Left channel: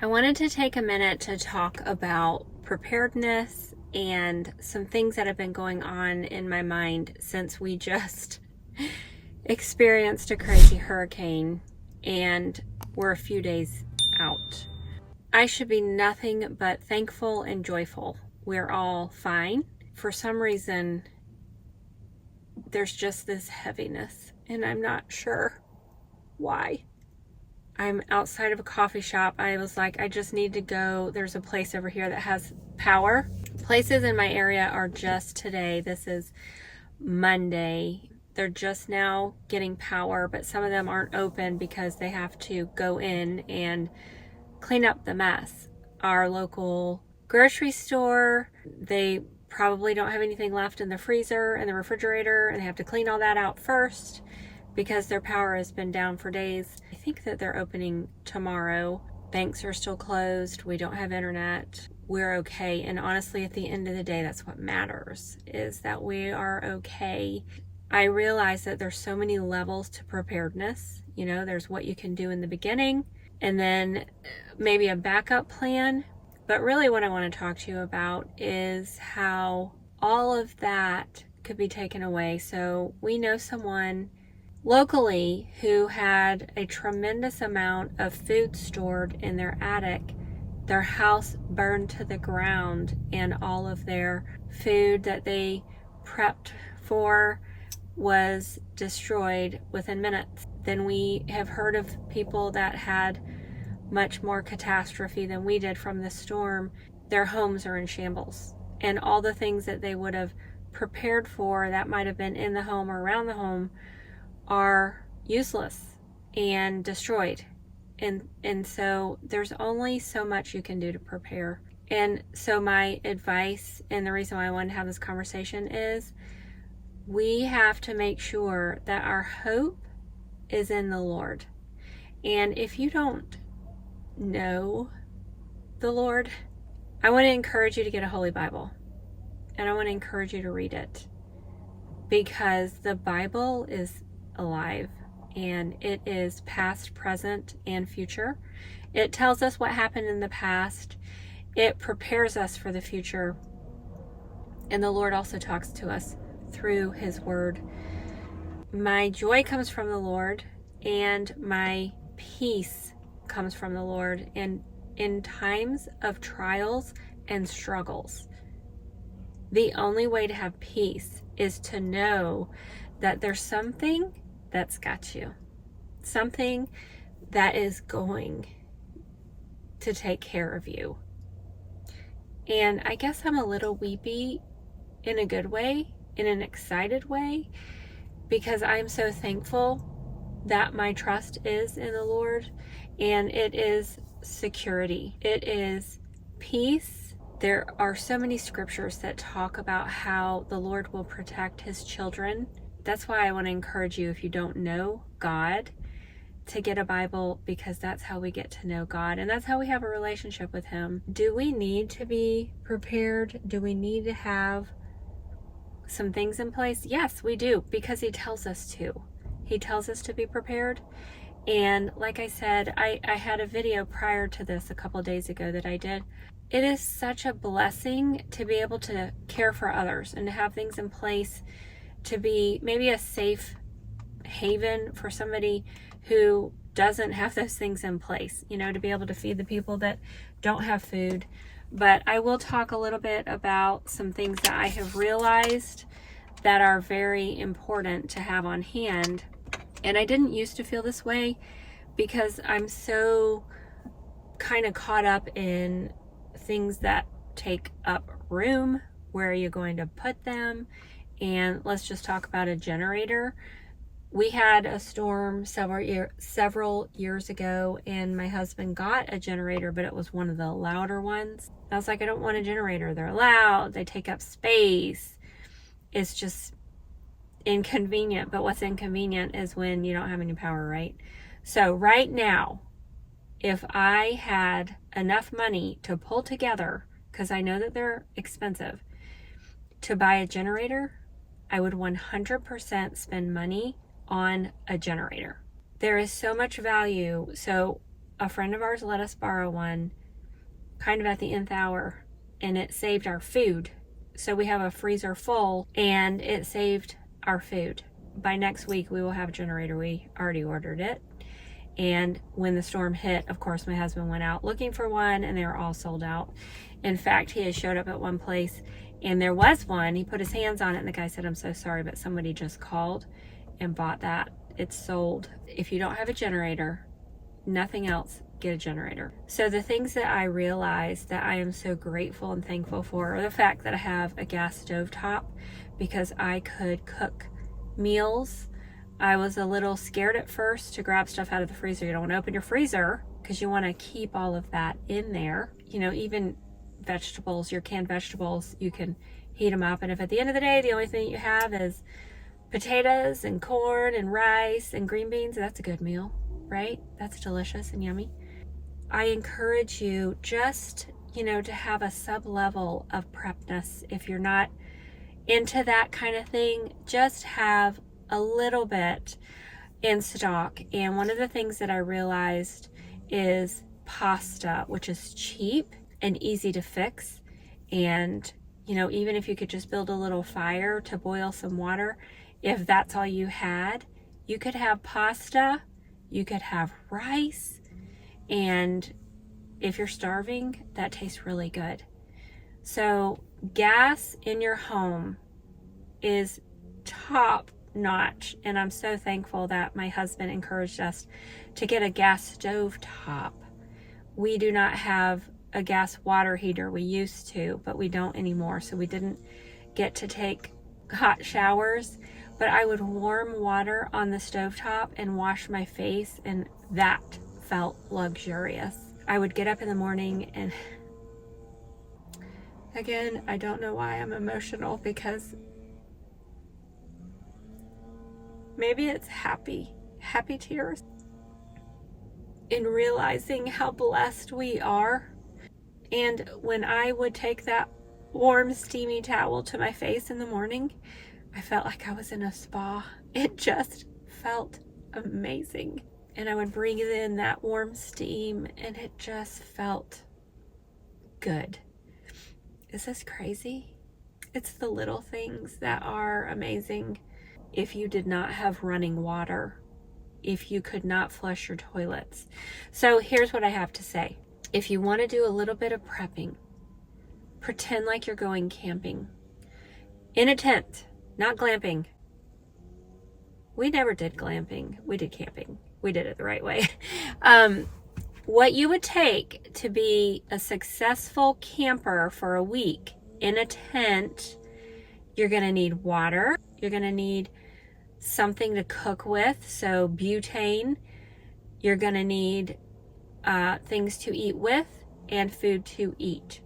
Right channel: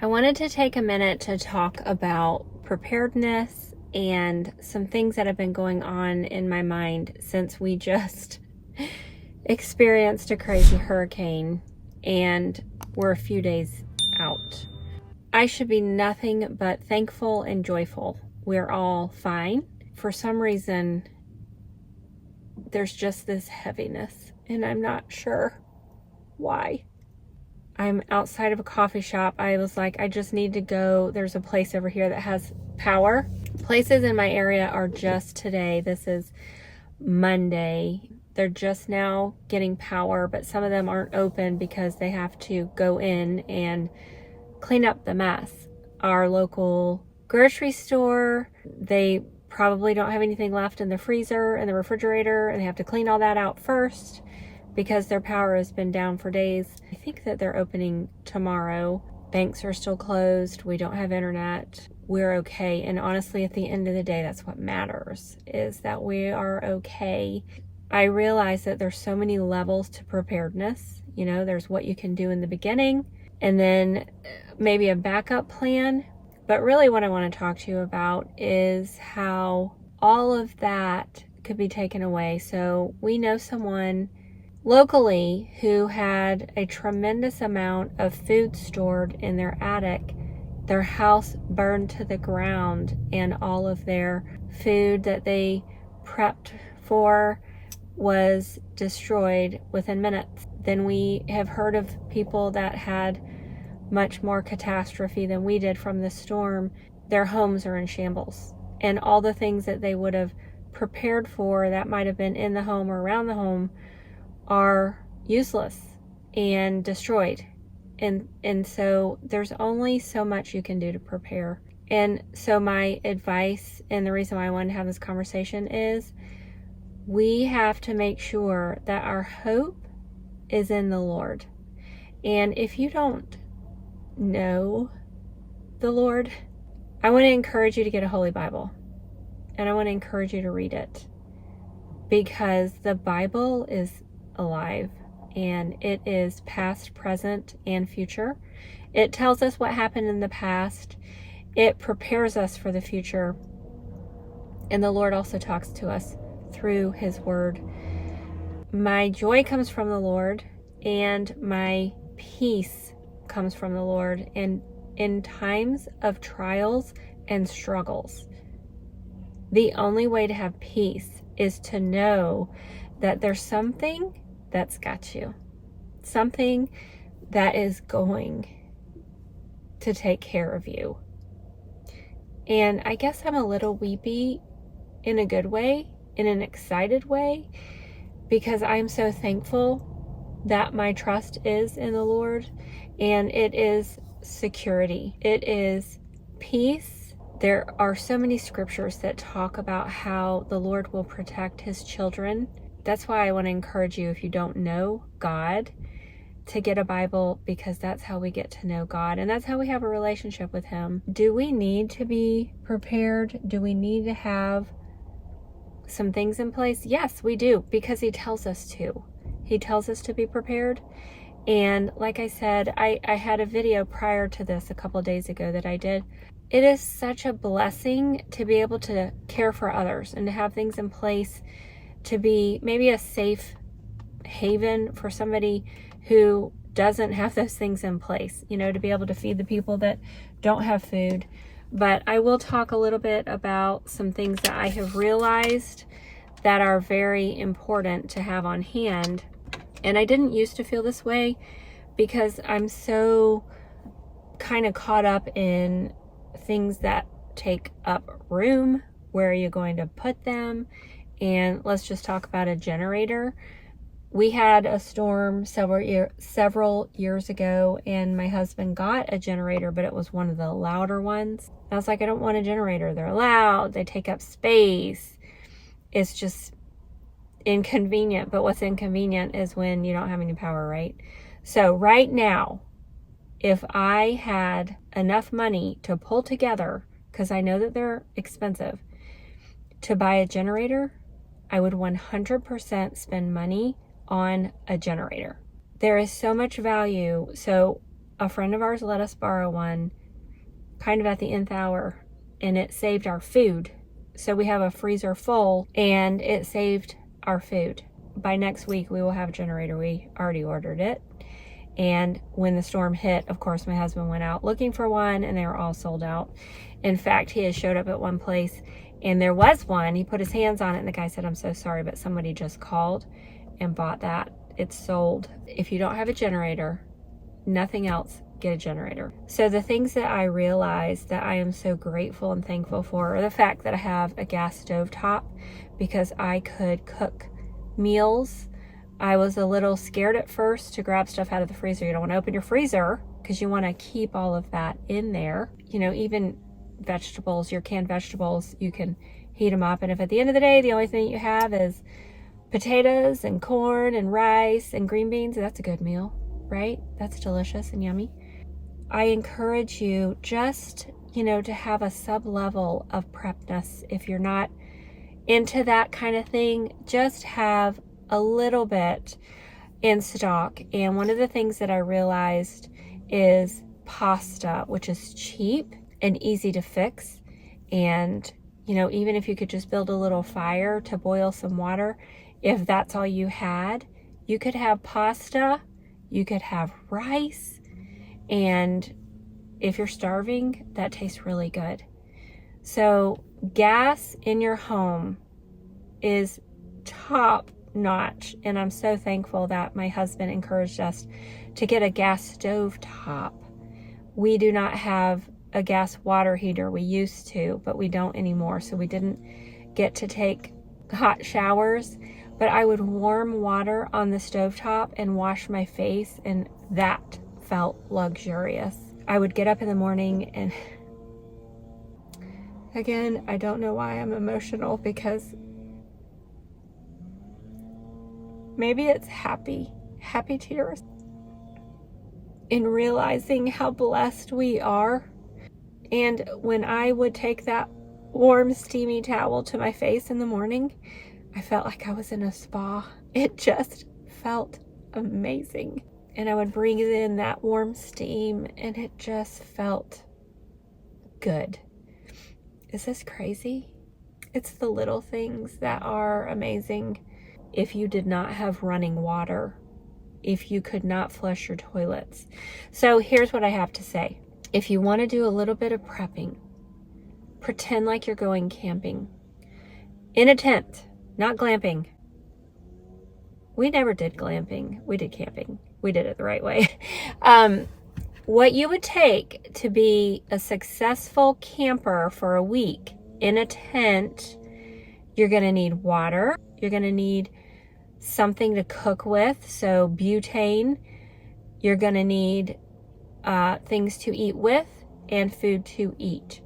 I wanted to take a minute to talk about preparedness and some things that have been going on in my mind since we just experienced a crazy hurricane and we're a few days out. I should be nothing but thankful and joyful. We're all fine. For some reason, there's just this heaviness, and I'm not sure why. I'm outside of a coffee shop. I was like, I just need to go. There's a place over here that has power. Places in my area are just today. This is Monday. They're just now getting power, but some of them aren't open because they have to go in and clean up the mess. Our local grocery store, they probably don't have anything left in the freezer and the refrigerator, and they have to clean all that out first because their power has been down for days. I think that they're opening tomorrow. Banks are still closed. We don't have internet. We're okay. And honestly, at the end of the day, that's what matters, is that we are okay. I realize that there's so many levels to preparedness. You know, there's what you can do in the beginning and then maybe a backup plan. But really what I want to talk to you about is how all of that could be taken away. So we know someone locally who had a tremendous amount of food stored in their attic. Their house burned to the ground and all of their food that they prepped for was destroyed within minutes. Then we have heard of people that had much more catastrophe than we did from the storm. Their homes are in shambles, and all the things that they would have prepared for that might have been in the home or around the home are useless and destroyed. And so there's only so much you can do to prepare. And so my advice, and the reason why I wanted to have this conversation, is we have to make sure that our hope is in the Lord. And if you don't know the Lord, I want to encourage you to get a Holy Bible. And I want to encourage you to read it, because the Bible is alive, and it is past, present, and future. It tells us what happened in the past. It prepares us for the future. And the Lord also talks to us through His Word. My joy comes from the Lord, and my peace comes from the Lord. And in times of trials and struggles, the only way to have peace is to know that there's something that's got you, something that is going to take care of you. And I guess I'm a little weepy in a good way, in an excited way, because I'm so thankful that my trust is in the Lord, and it is security. It is peace. There are so many scriptures that talk about how the Lord will protect His children. That's why I want to encourage you, if you don't know God, to get a Bible, because that's how we get to know God, and that's how we have a relationship with Him. Do we need to be prepared? Do we need to have some things in place? Yes, we do, because He tells us to. He tells us to be prepared. And like I said, I had a video prior to this a couple days ago that I did. It is such a blessing to be able to care for others and to have things in place to be maybe a safe haven for somebody who doesn't have those things in place, you know, to be able to feed the people that don't have food. But I will talk a little bit about some things that I have realized that are very important to have on hand. And I didn't used to feel this way, because I'm so kind of caught up in things that take up room. Where are you going to put them? And let's just talk about a generator. We had a storm several years ago, and my husband got a generator, but it was one of the louder ones. I was like, I don't want a generator. They're loud. They take up space. It's just inconvenient. But what's inconvenient is when you don't have any power, right? So right now, if I had enough money to pull together, because I know that they're expensive, to buy a generator, I would 100% spend money on a generator. There is so much value. So a friend of ours let us borrow one kind of at the nth hour, and it saved our food. So we have a freezer full, and it saved our food. By next week, we will have a generator. We already ordered it. And when the storm hit, of course, my husband went out looking for one, and they were all sold out. In fact, he had showed up at one place, and there was one. He put his hands on it, and the guy said, "I'm so sorry, but somebody just called and bought that. It's sold." If you don't have a generator, nothing else, get a generator. So the things that I realized that I am so grateful and thankful for are the fact that I have a gas stove top, because I could cook meals. I was a little scared at first to grab stuff out of the freezer. You don't want to open your freezer because you want to keep all of that in there. You know, even vegetables, your canned vegetables, you can heat them up. And if at the end of the day, the only thing you have is potatoes and corn and rice and green beans, that's a good meal, right? That's delicious and yummy. I encourage you just, to have a sub-level of prepness. If you're not into that kind of thing, just have a little bit in stock. And one of the things that I realized is pasta, which is cheap and easy to fix. And, even if you could just build a little fire to boil some water, if that's all you had, you could have pasta, you could have rice, and if you're starving, that tastes really good. So gas in your home is top notch, and I'm so thankful that my husband encouraged us to get a gas stove top. We do not have a gas water heater. We used to, but we don't anymore, so we didn't get to take hot showers. But I would warm water on the stovetop and wash my face, and that felt luxurious. I would get up in the morning, and again, I don't know why I'm emotional, because maybe it's happy tears in realizing how blessed we are. And when I would take that warm, steamy towel to my face in the morning, I felt like I was in a spa. It just felt amazing. And I would breathe in that warm steam, and it just felt good. Is this crazy? It's the little things that are amazing. If you did not have running water, if you could not flush your toilets. So here's what I have to say. If you want to do a little bit of prepping, pretend like you're going camping in a tent, not glamping. We never did glamping. We did camping. We did it the right way. What you would take to be a successful camper for a week in a tent, you're going to need water. You're going to need something to cook with, so butane. You're going to need things to eat with and food to eat.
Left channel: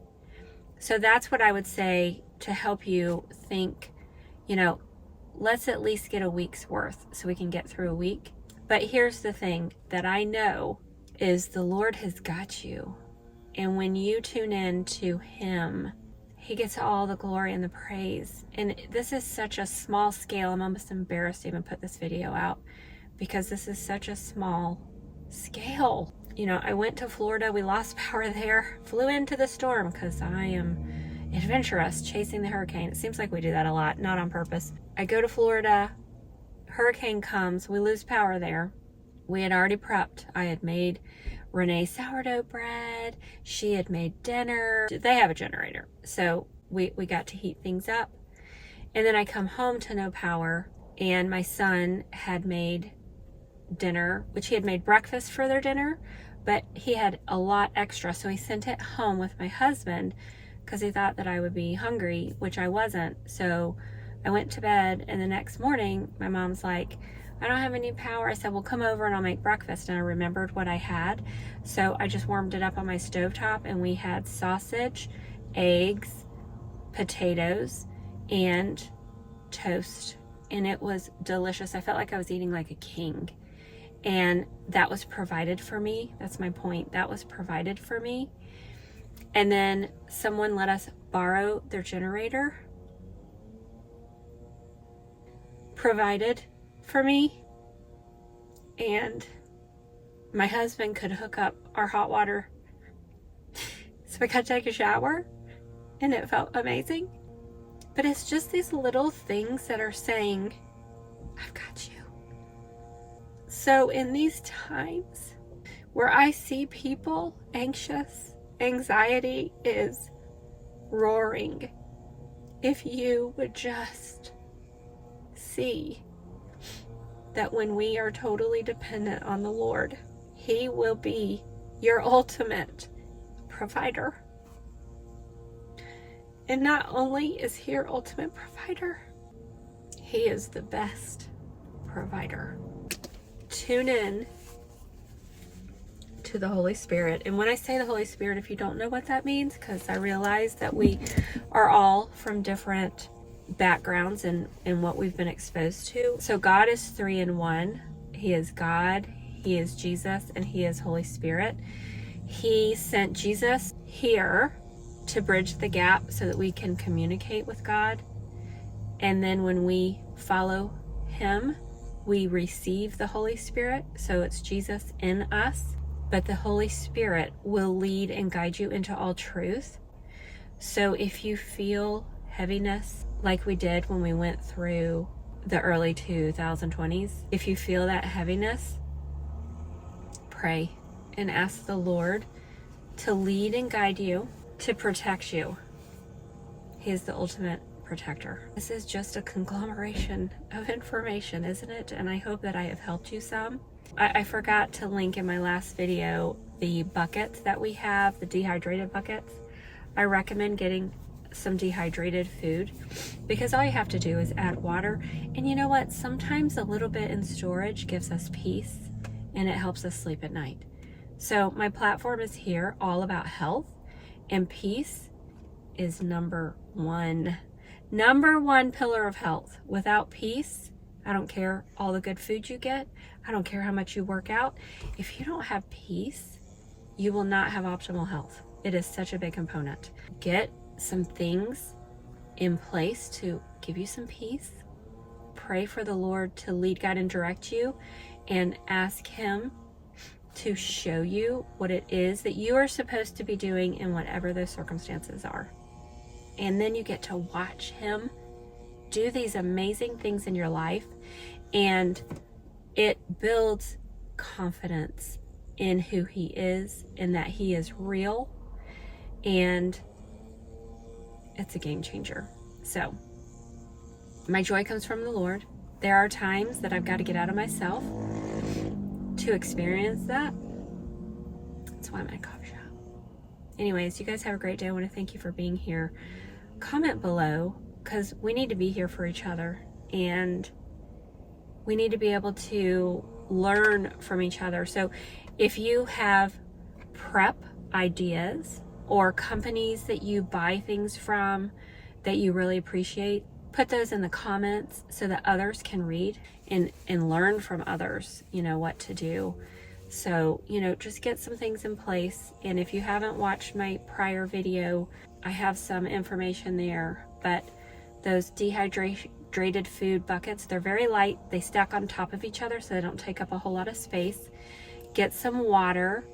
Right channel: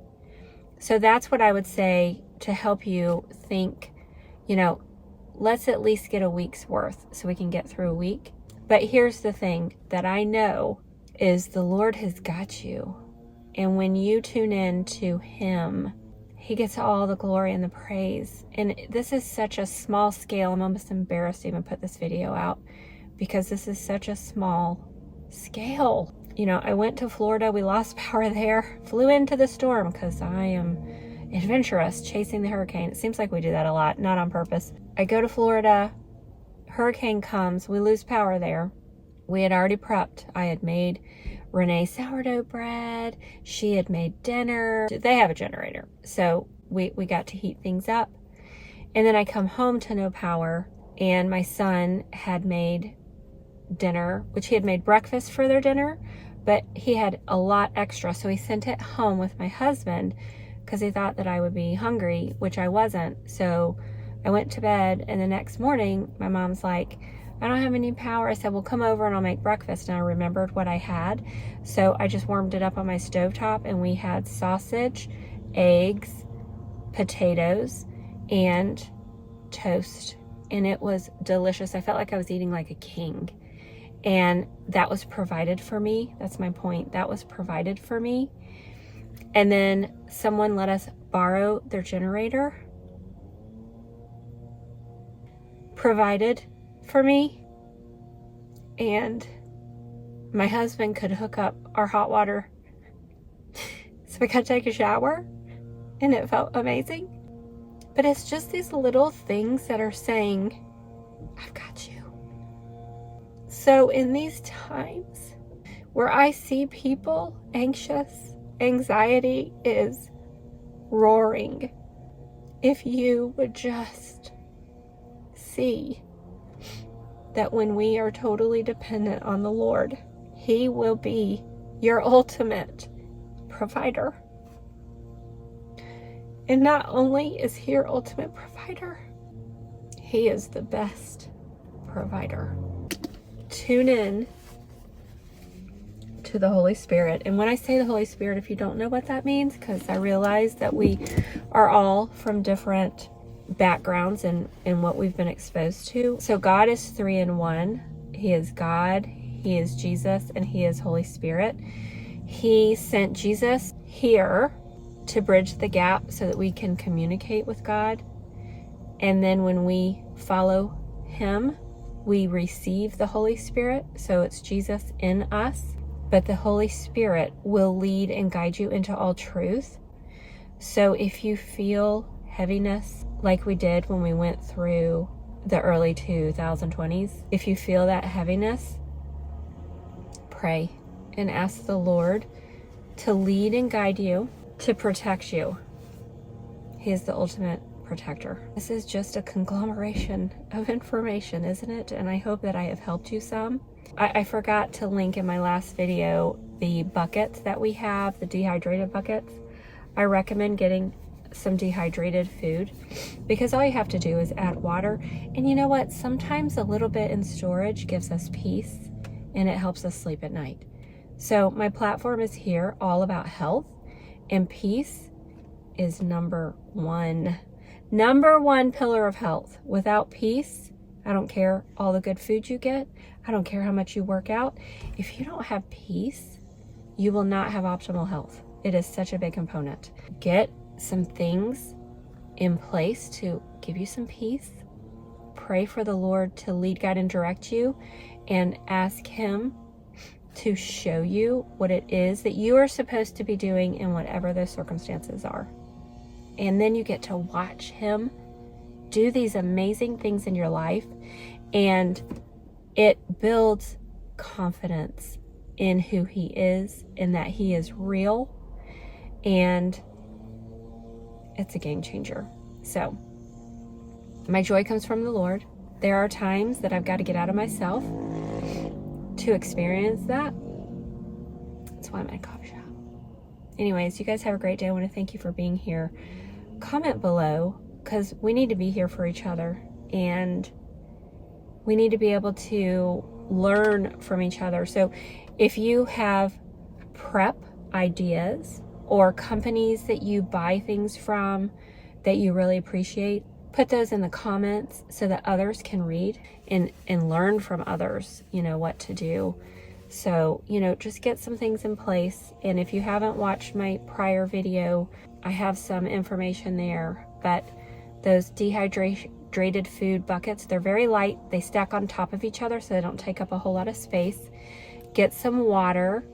So that's what I would say to help you think, let's at least get a week's worth so we can get through a week. But here's the thing that I know is the Lord has got you. And when you tune in to Him, He gets all the glory and the praise. And this is such a small scale. I'm almost embarrassed to even put this video out because this is such a small scale. I went to Florida. We lost power there. Flew into the storm because I am adventurous, chasing the hurricane. It seems like we do that a lot, not on purpose. I go to Florida. Hurricane comes. We lose power there. We had already prepped. I had made Renee sourdough bread. She had made dinner. They have a generator. So we got to heat things up. And then I come home to no power, and my son had made dinner, which he had made breakfast for their dinner, but he had a lot extra. So he sent it home with my husband because he thought that I would be hungry, which I wasn't. So I went to bed, and the next morning my mom's like, I don't have any power. I said, well, come over and I'll make breakfast. And I remembered what I had. So I just warmed it up on my stovetop, and we had sausage, eggs, potatoes, and toast. And it was delicious. I felt like I was eating like a king. And that was provided for me. That's my point. That was provided for me. And then someone let us borrow their generator. Provided for me. And my husband could hook up our hot water so we could take a shower, and it felt amazing. But it's just these little things that are saying, I've got you. So in these times where I see people anxious, anxiety is roaring. If you would just see that when we are totally dependent on the Lord, He will be your ultimate provider. And not only is He your ultimate provider, He is the best provider. Tune in to the Holy Spirit. And when I say the Holy Spirit, if you don't know what that means, because I realize that we are all from different backgrounds and what we've been exposed to. So God is 3 in 1. He is God, He is Jesus, and He is Holy Spirit. He sent Jesus here to bridge the gap so that we can communicate with God. And then when we follow Him, we receive the Holy Spirit. So it's Jesus in us, but the Holy Spirit will lead and guide you into all truth. So if you feel heaviness, like we did when we went through the early 2020s, if you feel that heaviness, pray and ask the Lord to lead and guide you, to protect you. He is the ultimate protector. This is just a conglomeration of information, isn't it? And I hope that I have helped you some. I forgot to link in my last video the buckets that we have, the dehydrated buckets. I recommend getting some dehydrated food because all you have to do is add water. And you know what? Sometimes a little bit in storage gives us peace and it helps us sleep at night. So my platform is here all about health, and peace is number one pillar of health. Without peace, I don't care all the good food you get. I don't care how much you work out. If you don't have peace, you will not have optimal health. It is such a big component. Get some things in place to give you some peace. Pray for the Lord to lead, guide, and direct you, and ask Him to show you what it is that you are supposed to be doing in whatever those circumstances are. And then you get to watch Him do these amazing things in your life, and it builds confidence in who He is and that He is real, and it's a game changer. So my joy comes from the Lord. There are times that I've got to get out of myself to experience that. That's why I'm at a coffee shop. Anyways, you guys have a great day. I want to thank you for being here. Comment below, because we need to be here for each other, and we need to be able to learn from each other. So if you have prep ideas or companies that you buy things from that you really appreciate, put those in the comments so that others can read and learn from others, what to do. So, just get some things in place. And if you haven't watched my prior video, I have some information there. But those dehydrated food buckets, they're very light. They stack on top of each other so they don't take up a whole lot of space. Get some water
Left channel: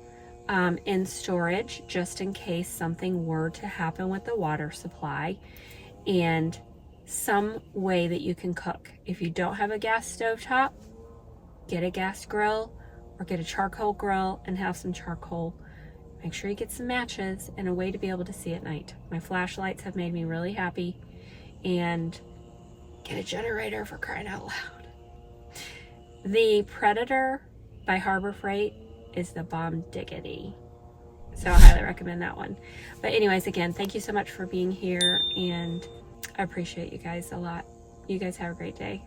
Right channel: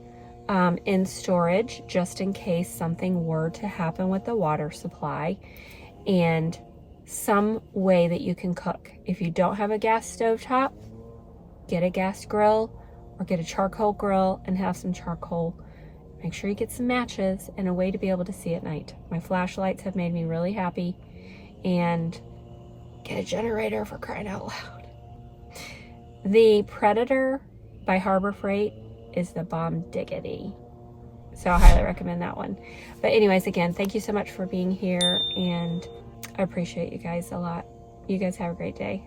in storage just in case something were to happen with the water supply, and some way that you can cook. If you don't have a gas stove top, get a gas grill or get a charcoal grill and have some charcoal. Make sure you get some matches and a way to be able to see at night. My flashlights have made me really happy. And get a generator, for crying out loud. The Predator by Harbor Freight is the bomb diggity. So I highly recommend that one. But anyways, again, thank you so much for being here, and I appreciate you guys a lot. You guys have a great day.